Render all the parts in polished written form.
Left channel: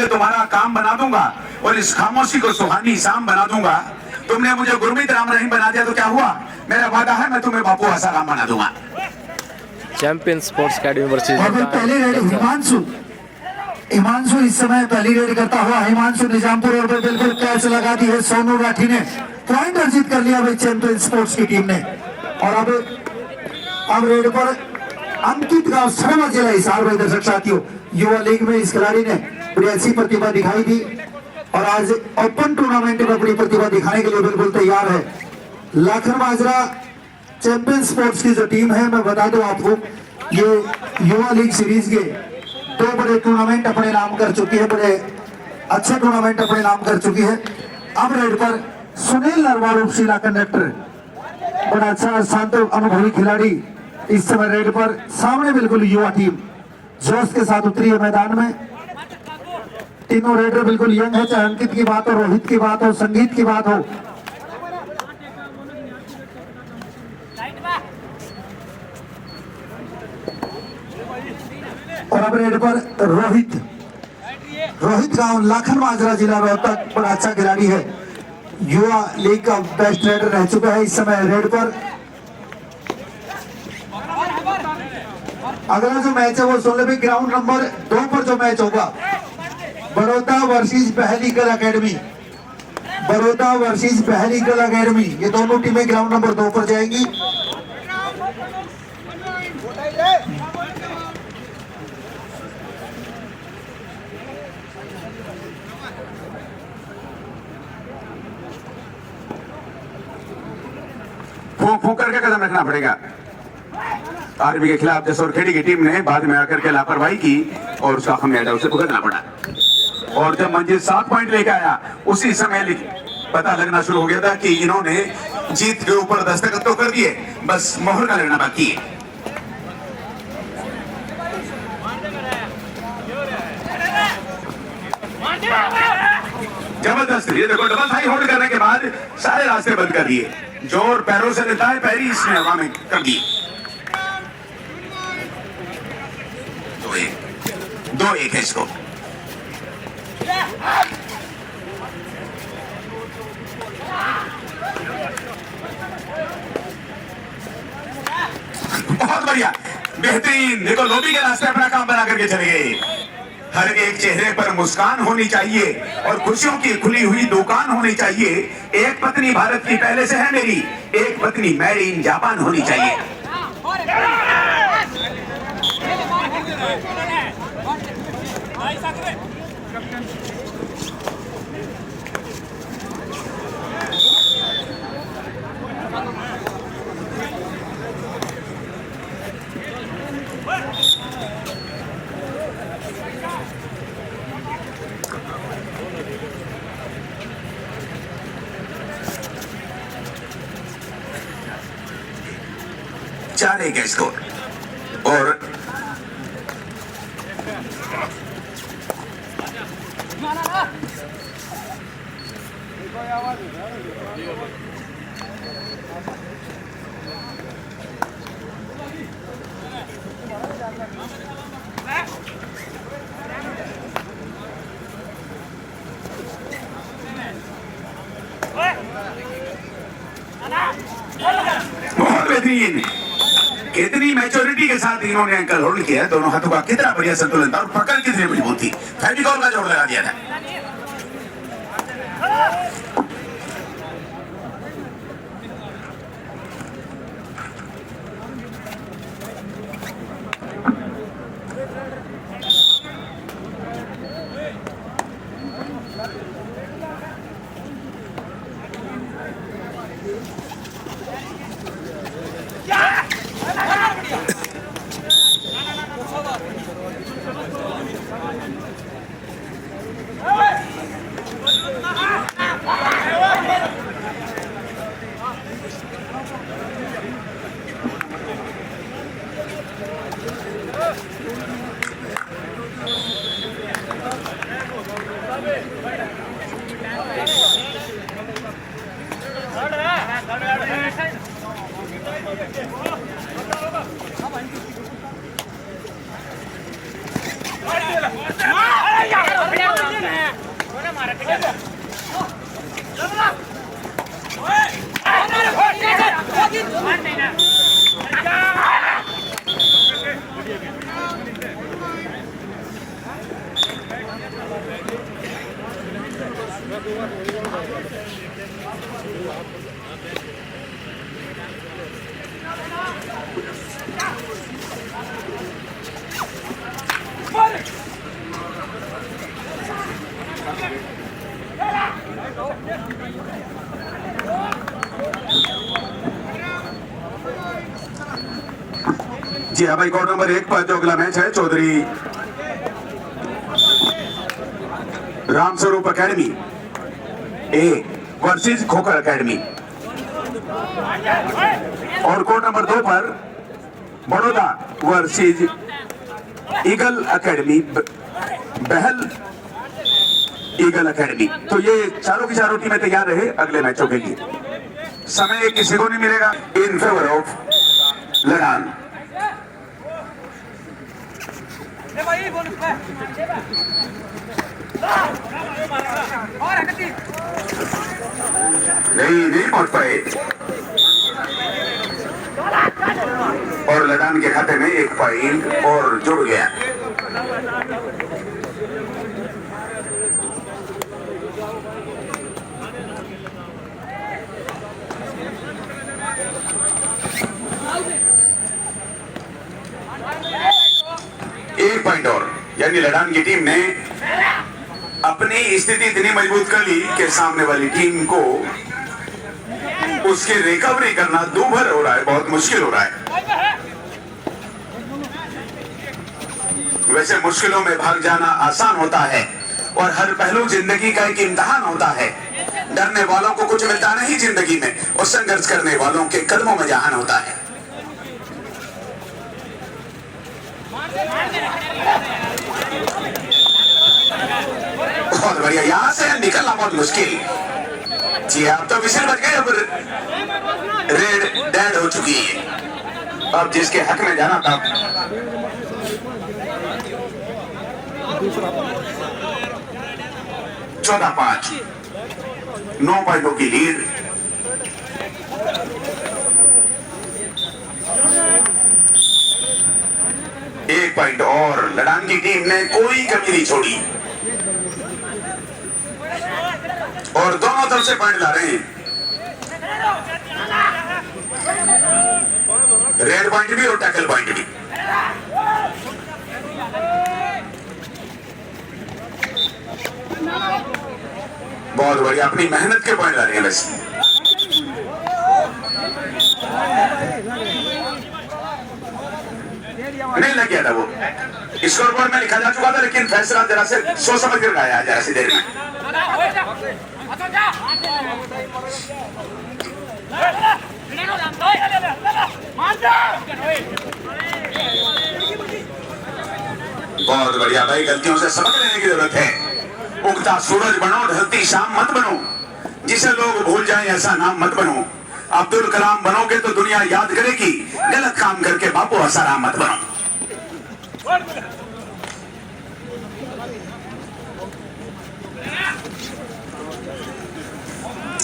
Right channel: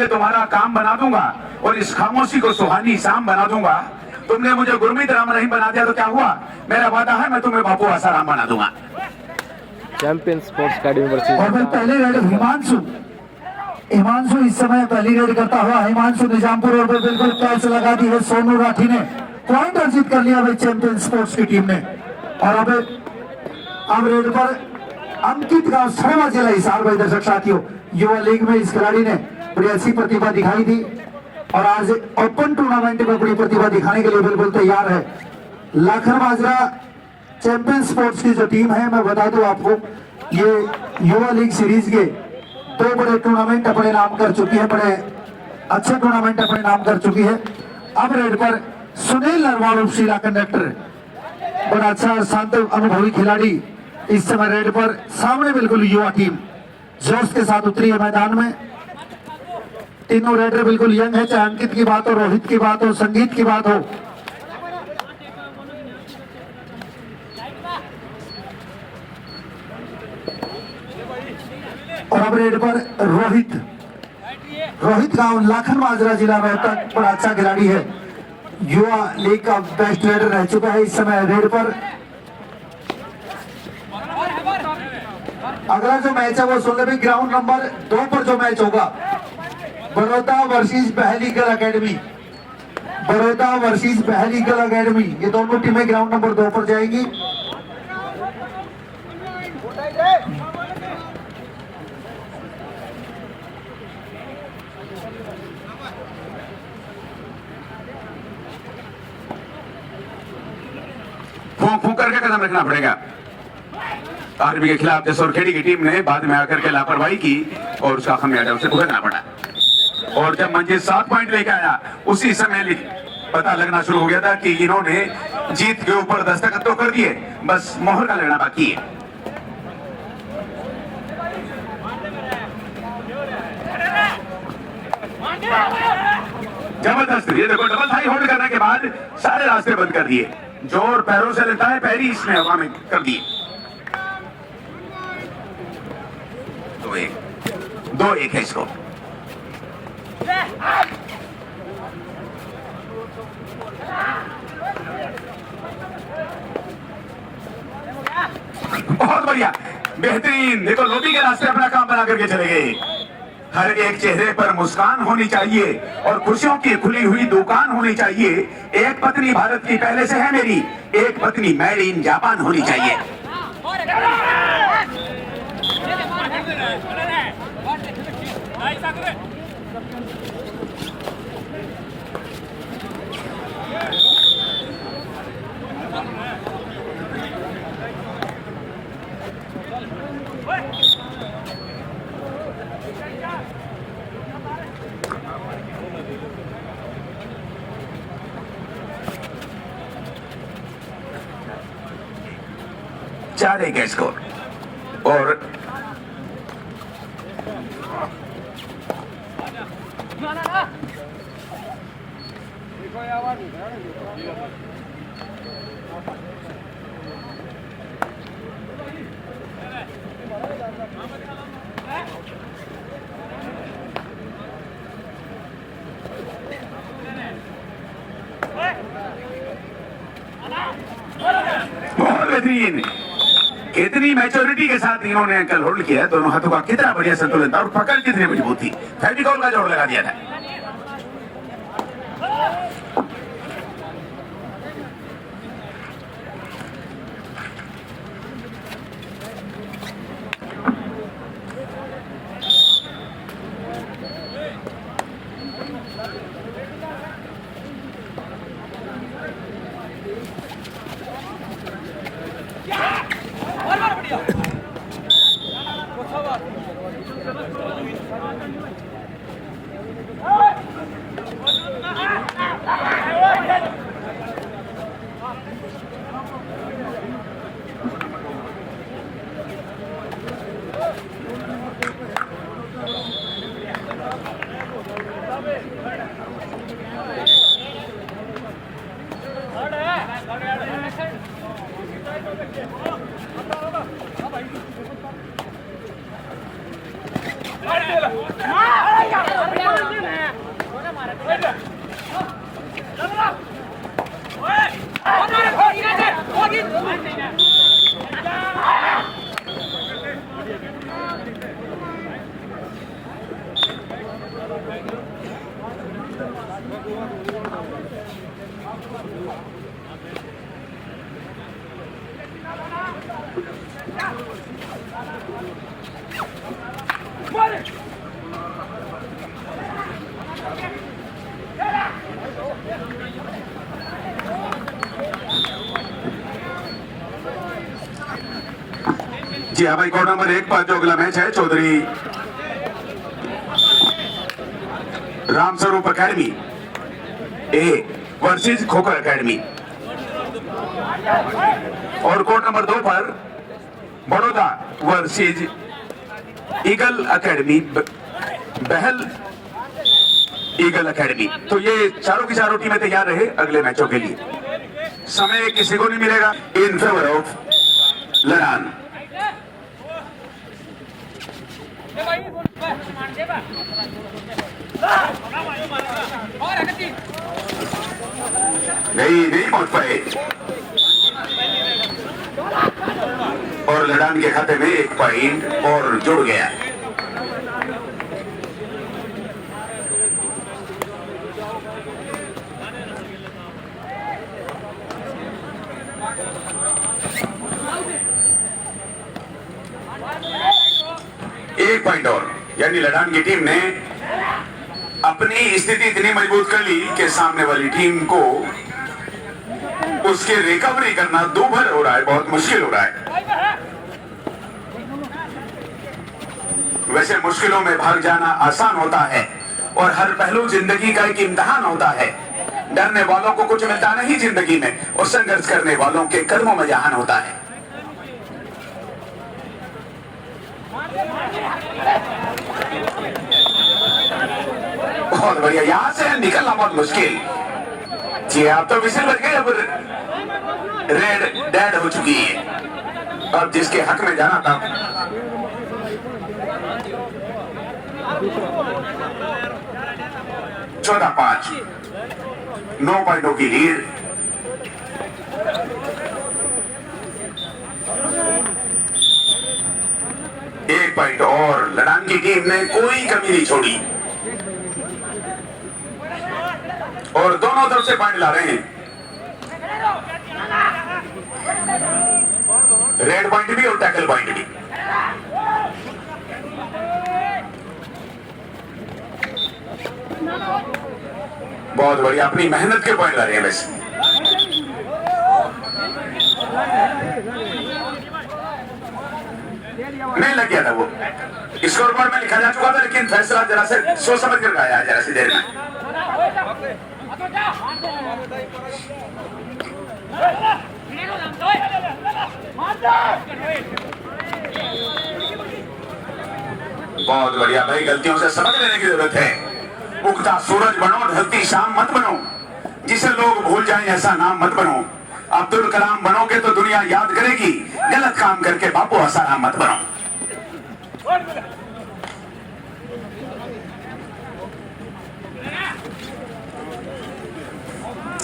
के तुम्हारा काम बना दूंगा और इस खामोशी को सुहानी शाम बना दूंगा। तुमने मुझे गुरमीत राम रहीम बना दिया तो क्या हुआ? मेरा वादा है मैं तुम्हें बापू आसाराम बना दूंगा। चैंपियन स्पोर्ट्स अकेडमी वर्सेस पहले रेड हिमांशु इस समय पहली रेड करता हुआ हिमांशु निजामपुर और बिल्कुल कैच लगा दी है सोनू राठी ने। पॉइंट अर्जित कर लिया भाई चैंपियन स्पोर्ट्स की टीम ने। और अब रेड पर अंकित गांव सर्वा जिला हिसार भाई। दर्शक साथियों, युवा लीग में इस खिलाड़ी ने बड़ी अच्छी प्रतिभा दिखाई दी और आज ओपन टूर्नामेंट में बड़ी प्रतिभा दिखाने के लिए बिल्कुल तैयार है। लाखन माजरा चैंपियन स्पोर्ट्स की जो टीम है, मैं बता दूं आपको, ये युवा लीग सीरीज के 2 बड़े टूर्नामेंट अपने नाम कर चुकी है, बड़े अच्छे टूर्नामेंट अपने नाम कर चुकी है। अब रेड पर सुनील नरवाल उपशिला कंडक्टर, बड़ा अच्छा शांत अनुभवी खिलाड़ी इस समय रेड पर सामने बिल्कुल युवा टीम जोश के साथ उतरी है मैदान में। तीनों रेडर बिल्कुल यंग है, चाहे अंकित की बात हो, रोहित की बात हो, संगीत की बात हो। और अब रेड पर रोहित गांव लाखन माजरा जिला रोहतक, बड़ा अच्छा खिलाड़ी है, युवा लीग का बेस्ट रेडर रह चुका है इस समय रेड पर। अगला जो मैच है वो 16वीं ग्राउंड नंबर 2 पर जो मैच होगा, बड़ौदा वर्सेस बहलीकल अकेडमी, बड़ौदा वर्सेस बहलीकल अकेडमी, ये दोनों टीमें ग्राउंड नंबर 2 पर जाएंगी। फूंक करके कदम रखना पड़ेगा। आरबी के खिलाफ जसोरखेड़ी की टीम ने बाद में आकर के लापरवाही की और उसका खमियाजा उसे भुगतना पड़ा। और जब मंजिल 7 पॉइंट लेकर आया, उसी समय पता लगना शुरू हो गया था कि इन्होंने जीत के ऊपर दस्तखत तो कर दिए, बस मोहर का लगना बाकी है। जबरदस्त, ये देखो डबल थाई होल्ड करने के बाद सारे रास्ते बंद कर दिए। जोर पैरों से लेता है, पैरी इसने हवा में कर दिए। 2-1 है इसको। बहुत बढ़िया, बेहतरीन। देखो लोबी के रास्ते अपना काम बना करके चले गए। हर एक चेहरे पर मुस्कान होनी चाहिए और खुशियों की खुली हुई दुकान होनी चाहिए। एक पत्नी भारत की पहले से है मेरी, एक पत्नी मेड इन जापान होनी चाहिए। चार एक स्कोर। और बेहतरीन, कितनी मैच्योरिटी के साथ इन्होंने अंकल होल्ड किया। दोनों हाथों का कितना बढ़िया संतुलन था और पकड़ कितनी मजबूत थी। फेविकॉल का जोड़ लगा दिया था। जी हाँ भाई, कोर्ट नंबर 1 पर जो अगला मैच है Chaudhary Ramswaroop academy A versus Khokhar academy, और कोर्ट नंबर 2 पर Baroda versus eagle academy, Bahal eagle academy. तो ये चारों की चारों टीमें तैयार रहे अगले मैचों के लिए। समय किसी को नहीं मिलेगा इन फेवर ऑफ लड़ान। नहीं पहुंच पाए और लड़ान के खाते में 1 पॉइंट और जुड़ गया। एक पॉइंट और, यानी लड़ान की टीम ने अपनी स्थिति इतनी मजबूत कर ली कि सामने वाली टीम को उसके रिकवरी करना दूभर हो रहा है, बहुत मुश्किल हो रहा है। वैसे मुश्किलों में भाग जाना आसान होता है और हर पहलू जिंदगी का एक इम्तिहान होता है। डरने वालों को कुछ मिलता नहीं जिंदगी में, और संघर्ष करने वालों के कदमों में जहान होता है। बहुत बढ़िया, यहां से निकलना बहुत मुश्किल। जी आप तो विसिल बच गए, अब रेड डेड हो चुकी है। अब जिसके हक में जाना था 14-5, 9 पॉइंटों की लीड। एक पॉइंट और, लड़ान की टीम ने कोई कमी नहीं छोड़ी और दोनों तरफ से पॉइंट ला रहे हैं। रेड पॉइंट भी और टैकल पॉइंट भी। बहुत बढ़िया, अपनी मेहनत के पॉइंट ला रहे हैं। वैसे नहीं लग गया था वो, स्कोर बोर्ड में लिखा जा चुका था, लेकिन फैसला जरा से सोच समझ कर आया जरा सी देर में। बहुत बढ़िया भाई, गलतियों से सबक लेने की जरूरत है। उगता सूरज बनो, ढलती शाम मत बनो, जिसे लोग भूल जाए ऐसा नाम मत बनो। अब्दुल कलाम बनोगे तो दुनिया याद करेगी, गलत काम करके बापू आसाराम मत बनो।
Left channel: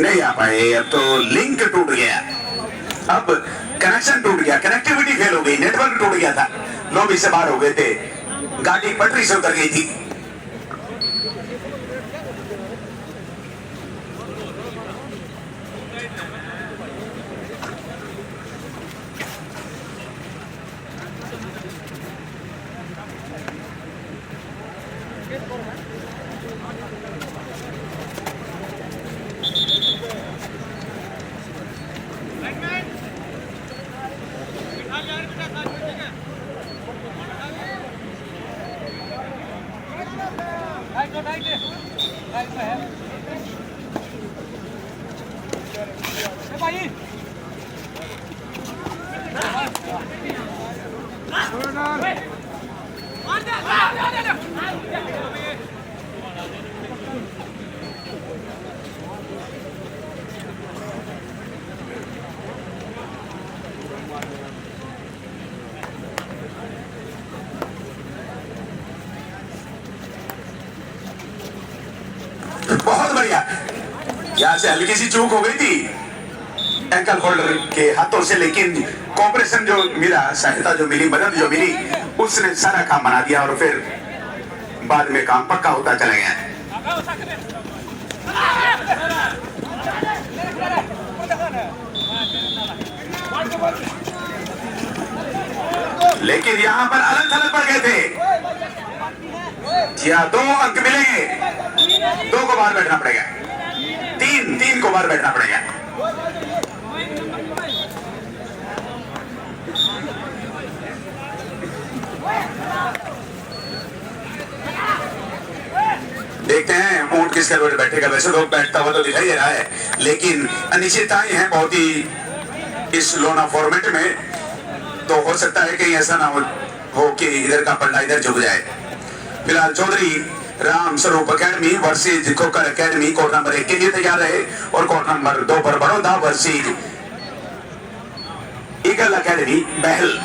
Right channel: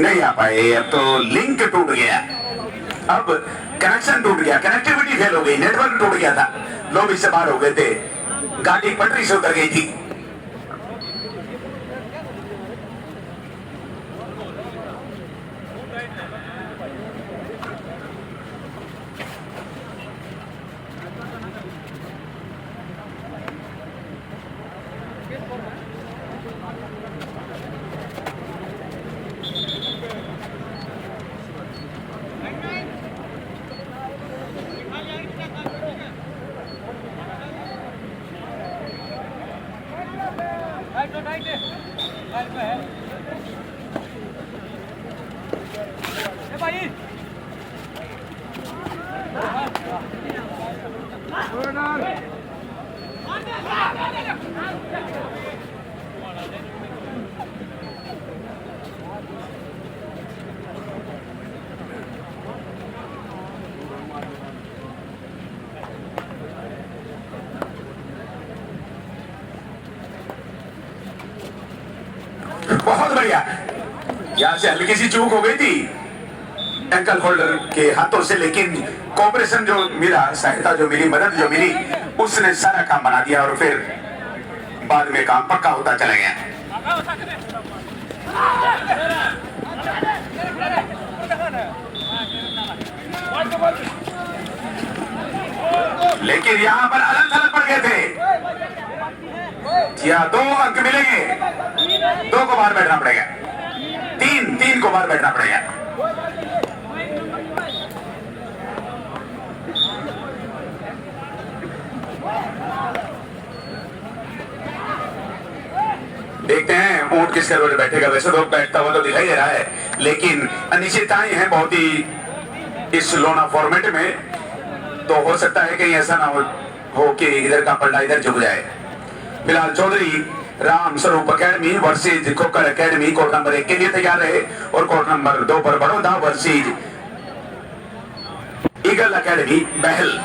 नहीं आ पाए, अब तो लिंक टूट गया, अब कनेक्शन टूट गया, कनेक्टिविटी फेल हो गई, नेटवर्क टूट गया था, लोग इससे बाहर हो गए थे, गाड़ी पटरी से उतर गई थी। बहुत बढ़िया, यहां से हल्की सी चूक हो गई थी, एंकल होल्डर के हाथों से, लेकिन कॉपरेशन जो मिला, सहायता जो मिली, मदद जो मिली, उसने सारा काम बना दिया और फिर बाद में काम पक्का होता चला गया। लेकिन यहां पर अलग थलग पड़ गए थे। या 2 अंक मिलेंगे, 2 को बाहर बैठना पड़ेगा, 3 को बाहर बैठना पड़ेगा। देखते हैं ऊंट किस करोड़ बैठेगा। वैसे तो बैठता हुआ तो दिखाई दे रहा है, लेकिन अनिश्चितताएं हैं बहुत ही इस लोना फॉर्मेट में। तो हो सकता है कहीं ऐसा ना हो कि इधर का पलड़ा इधर झुक जाए। फिलहाल चौधरी राम स्वरूप अकेडमी वर्सेज खोकर अकेडमी कोर्ट नंबर 1 के लिए तैयार रहे और कोर्ट नंबर 2 पर बड़ौदा वर्सेज ईगल अकेडमी बहल।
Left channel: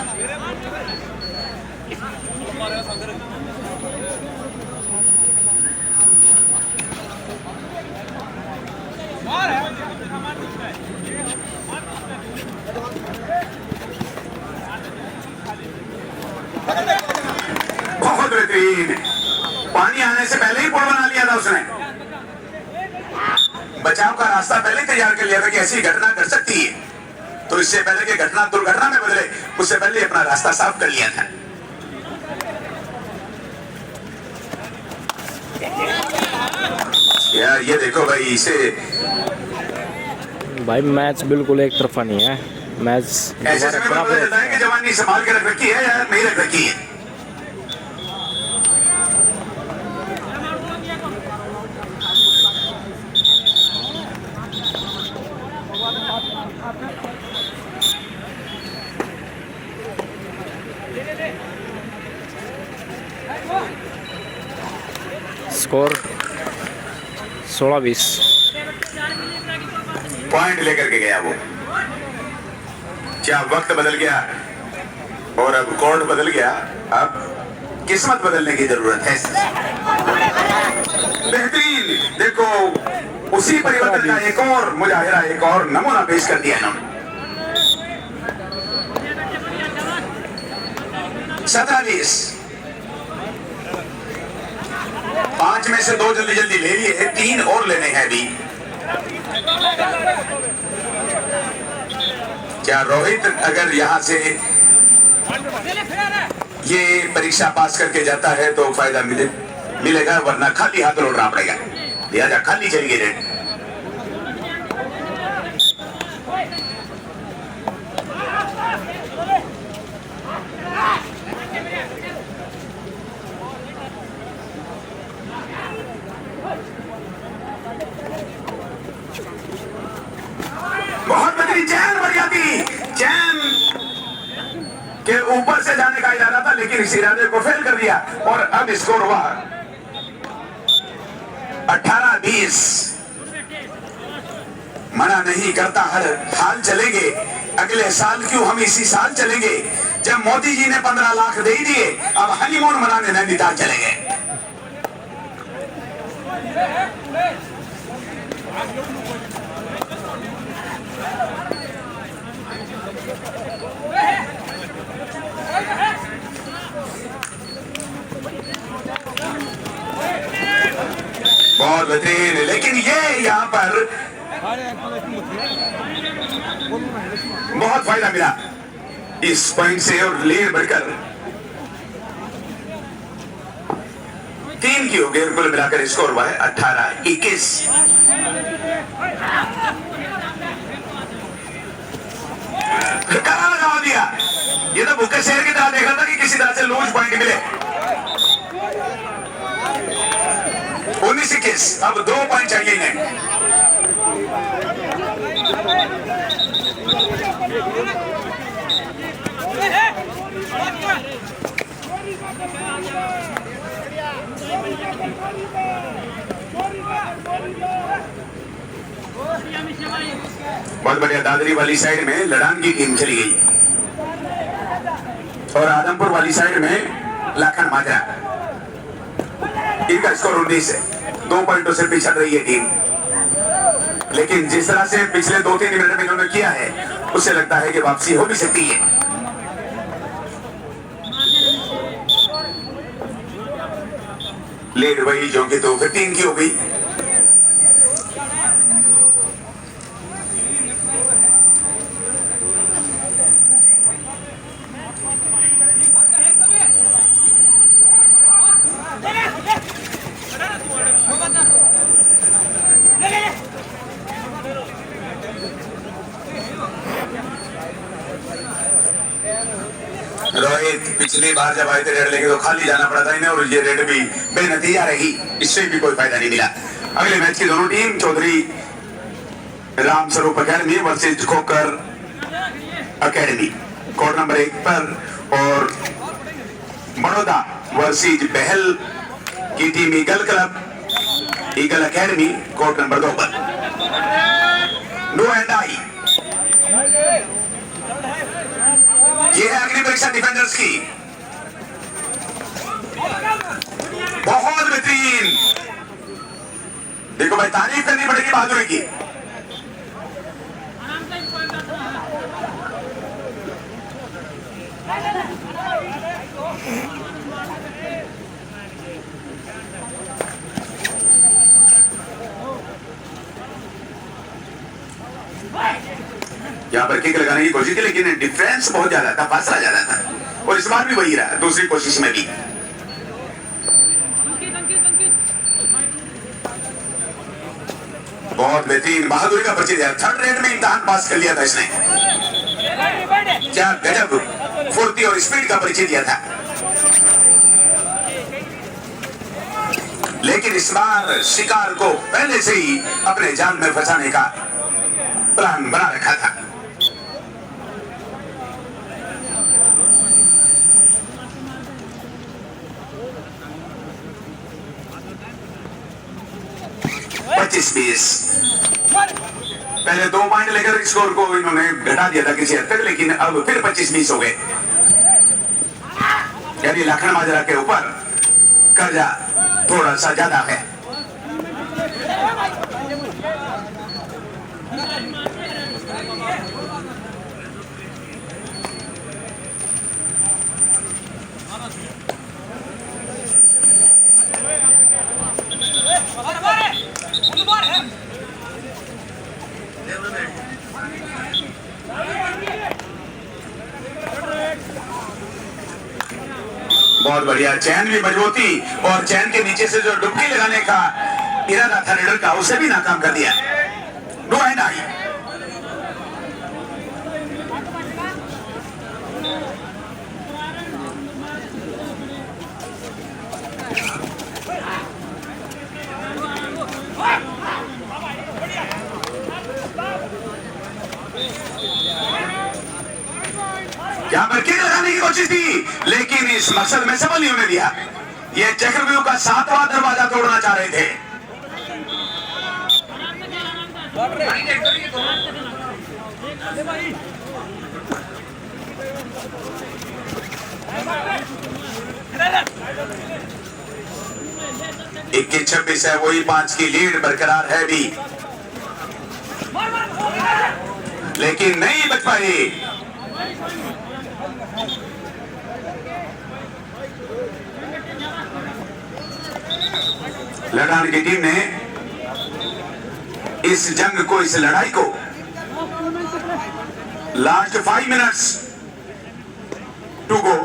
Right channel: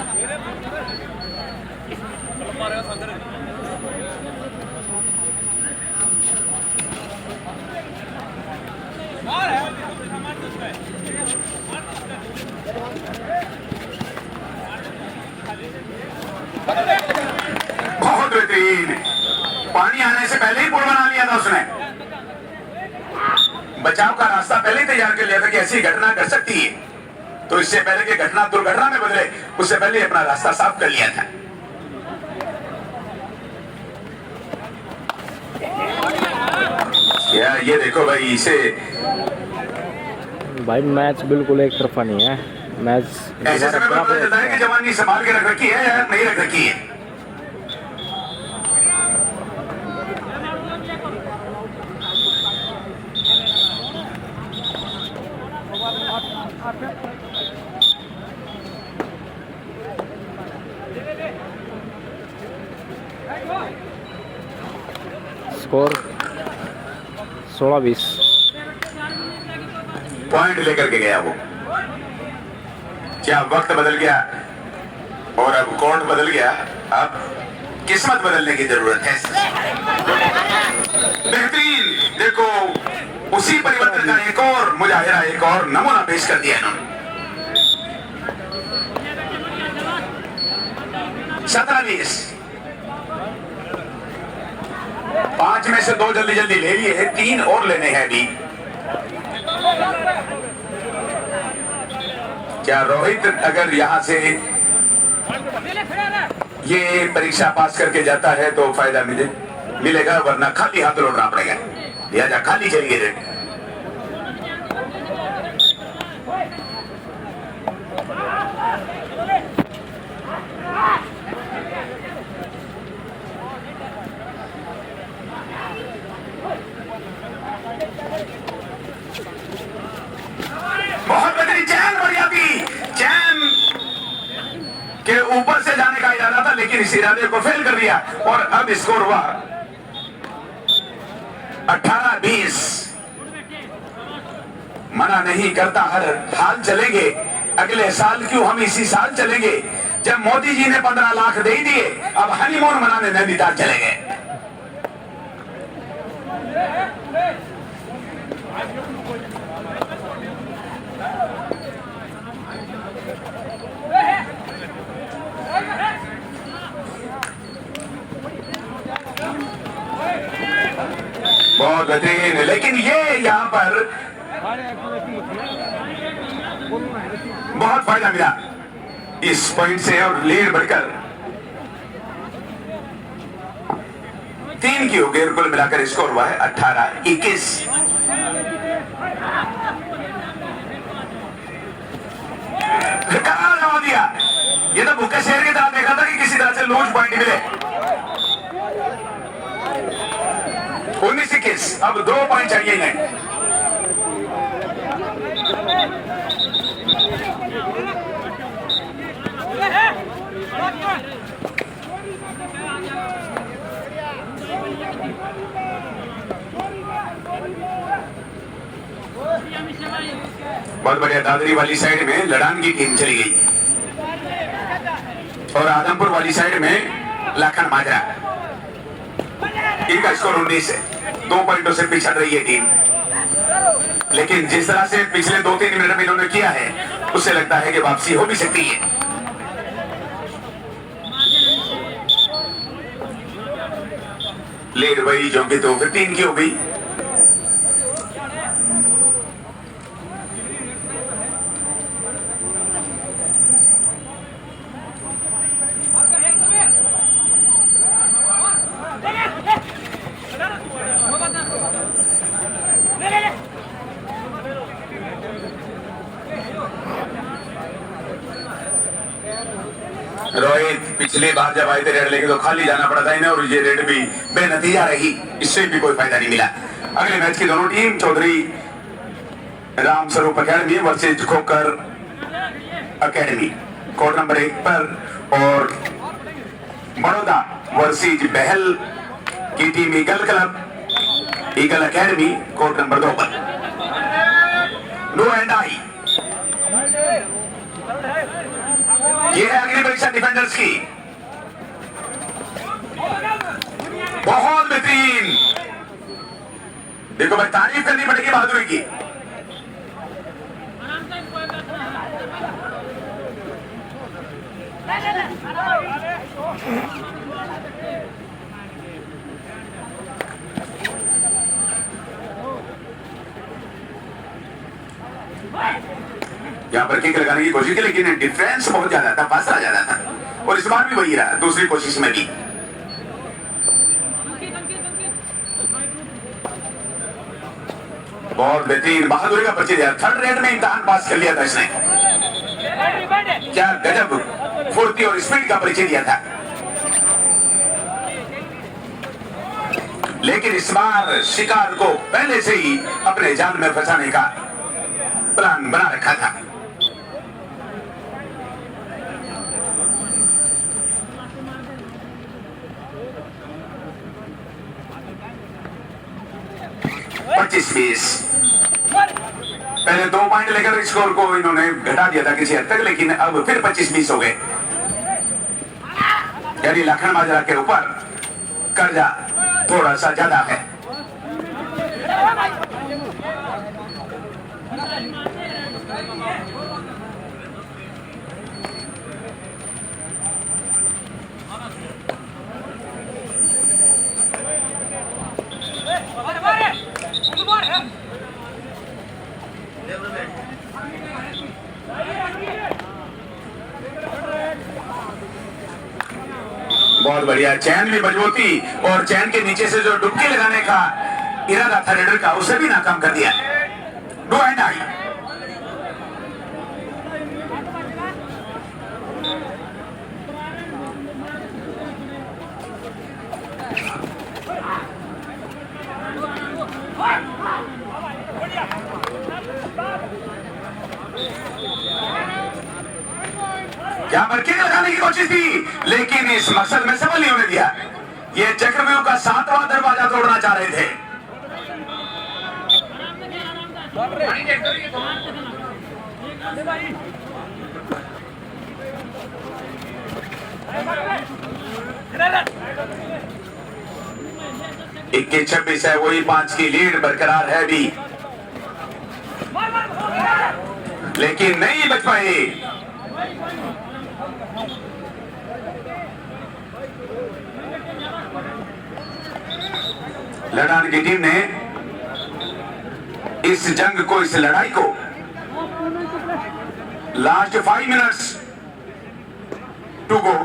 बहुत बेहतरीन, पानी आने से पहले ही पुल बना लिया था उसने। बचाव का रास्ता पहले ही तैयार कर लिया था कि ऐसी घटना कर सकती है, तो इससे पहले कि घटना दुर्घटना में बदले, उससे पहले अपना रास्ता साफ कर लिया था। यार ये देखो भाई, इसे भाई मैच बिल्कुल एक तरफा नहीं है। मैच ऐसे समय में पता चलता है कि जवानी संभाल के रख रखी है या नहीं रख रखी है। स्कोर 16-20। पॉइंट लेकर के गया वो। क्या वक्त बदल गया और अब कोर्ट बदल गया, अब किस्मत बदलने की जरूरत है। बेहतरीन, देखो उसी परिवर्तन का एक और मुजाहिरा, एक और नमूना पेश कर दिया ना। 27, 5 में से 2 जल्दी जल्दी ले लिए, 3 और लेने हैं अभी। क्या रोहित अगर यहां से ये परीक्षा पास करके जाता है तो फायदा मिलेगा, वरना खाली हाथ लौटना पड़ेगा। लिहाजा खाली चलिए रे। बहुत बेहतरीन चैन बढ़िया थी, चैन के ऊपर से जाने का इरादा था, लेकिन इस इरादे को फेल कर दिया और अब स्कोर हुआ 18-20। मना नहीं करता हर हाल चलेंगे, अगले साल क्यों हम इसी साल चलेंगे। जब मोदी जी ने 15 लाख दे ही दिए, अब हनीमून मनाने नैनीताल चलेंगे। बहुत बेहतरीन, लेकिन ये यहाँ पर बहुत फायदा मिला इस पॉइंट से और लीड बढ़कर 3 की हो गई। कुल मिलाकर स्कोर हुआ है 18-21। जवाब दिया, ये तो भूखे शेर की तरह देखा था कि किसी तरह से लूज पॉइंट मिले। 19-21, अब 2 पॉइंट चाहिए इन्हें। बहुत बढ़िया। दादरी वाली साइड में लड़ान की टीम चली गई और आदमपुर वाली साइड में लाखन माजरा। इनका स्कोर 19 है, 2 पॉइंटों से पीछे रही है टीम। लेकिन जिस तरह से पिछले 2-3 मिनट में इन्होंने किया है उसे लगता है कि वापसी हो भी सकती है। लीड वही जो कि तो 15 की हो गई। रोहित पिछली बार जब आए थे रेड लेके तो खाली जाना पड़ा था इन्हें और ये रेड भी बेनतीजा रहेगी, इससे भी कोई फायदा नहीं मिला। अगले मैच की दोनों team Chaudhary Ram Swaroop academy versus खोकर अकेडमी कोर्ट नंबर 1 पर, और बड़ौदा वर्सेज बहल की team eagle club eagle academy court number 2 पर। नो एंड आई, ये है अगली परीक्षा डिफेंडर्स की। बहुत बेहतरीन, देखो भाई तारीफ करनी पड़ेगी बहादुरी की। यहाँ पर किक लगाने की कोशिश की लेकिन डिफरेंस बहुत ज्यादा था, फासला ज्यादा था, और इस बार भी वही रहा दूसरी कोशिश में भी। बहुत बेहतरीन बहादुरी का परिचय दिया, थर्ड रेड में इम्तिहान पास कर लिया था इसने। क्या गजब फुर्ती और स्पीड का परिचय दिया था, लेकिन इस बार शिकार को पहले से ही अपने जाल में फंसाने का प्लान बना रखा था। पहले 2 पॉइंट लेकर स्कोर को इन्होंने घटा दिया था किसी हद तक, लेकिन अब फिर 25-20 हो गए। यानी लखन माजरा के ऊपर कर्जा थोड़ा सा ज्यादा है। बहुत बढ़िया, चैन में मजबूती और चैन के नीचे से जो डुबकी लगाने का इरादा था रेडर का, उसे भी नाकाम कर दिया। नो एंड आई, यहाँ पर किक लगाने की कोशिश की लेकिन इस मसल में सफल नहीं होने दिया। ये चक्रव्यूह का 7वां दरवाजा तोड़ना चाह रहे थे। इक्कीस 26 है, वही 5 की लीड बरकरार है भी, लेकिन नहीं बच पाए। लड़ान की टीम ने इस जंग को, इस लड़ाई को लास्ट 5 मिनट्स टू गो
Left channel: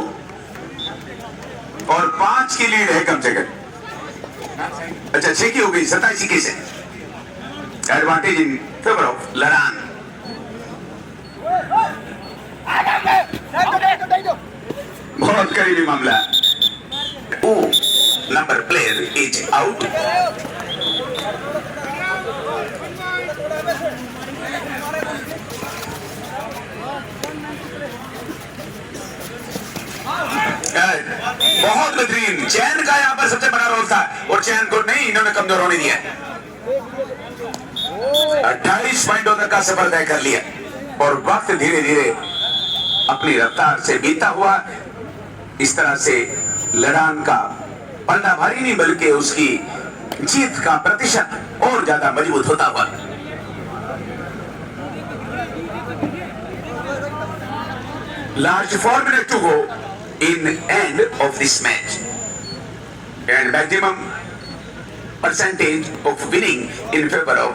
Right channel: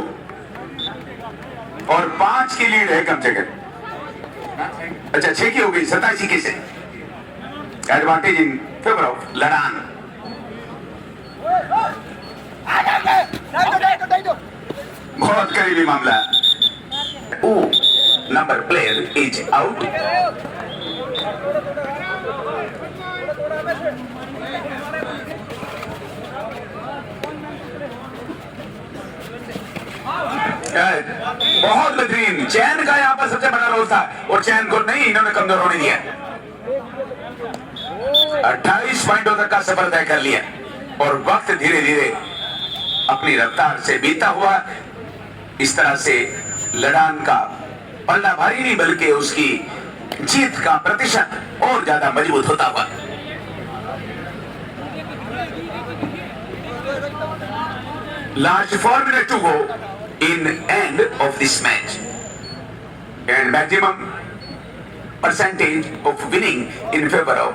और 5 की लीड है कम से कम। अच्छा 6 की हो गई, 27-21 से एडवांटेज इन फेवर ऑफ लड़ान। बहुत करीबी मामला। Number player is out. बहुत बेहतरीन, चैन का यहाँ पर सबसे बड़ा रोल था और चैन को नहीं इन्होंने कमजोर होने दिया। 28 पॉइंटों तक का सफर तय कर लिया और वक्त धीरे धीरे अपनी रफ्तार से बीता हुआ। इस तरह से लड़ान का पल्ला भारी नहीं बल्कि उसकी जीत का प्रतिशत और ज्यादा मजबूत होता हुआ। Last 4 minutes to go in end of this match, and maximum percentage of winning in favor of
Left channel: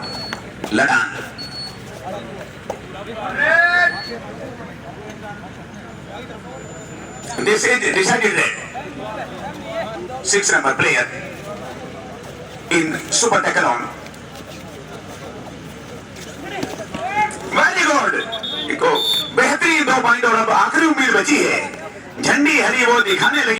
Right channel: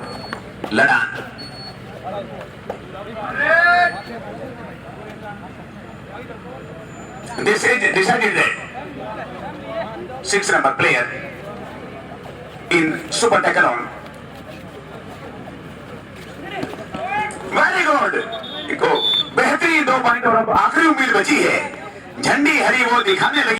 Ladan. This is decided that 6 number player in Super Decathlon. Very good, देखो बेहतरीन 2 पॉइंट और अब आखिरी उम्मीद बची है, झंडी हरी वो दिखाने लगी।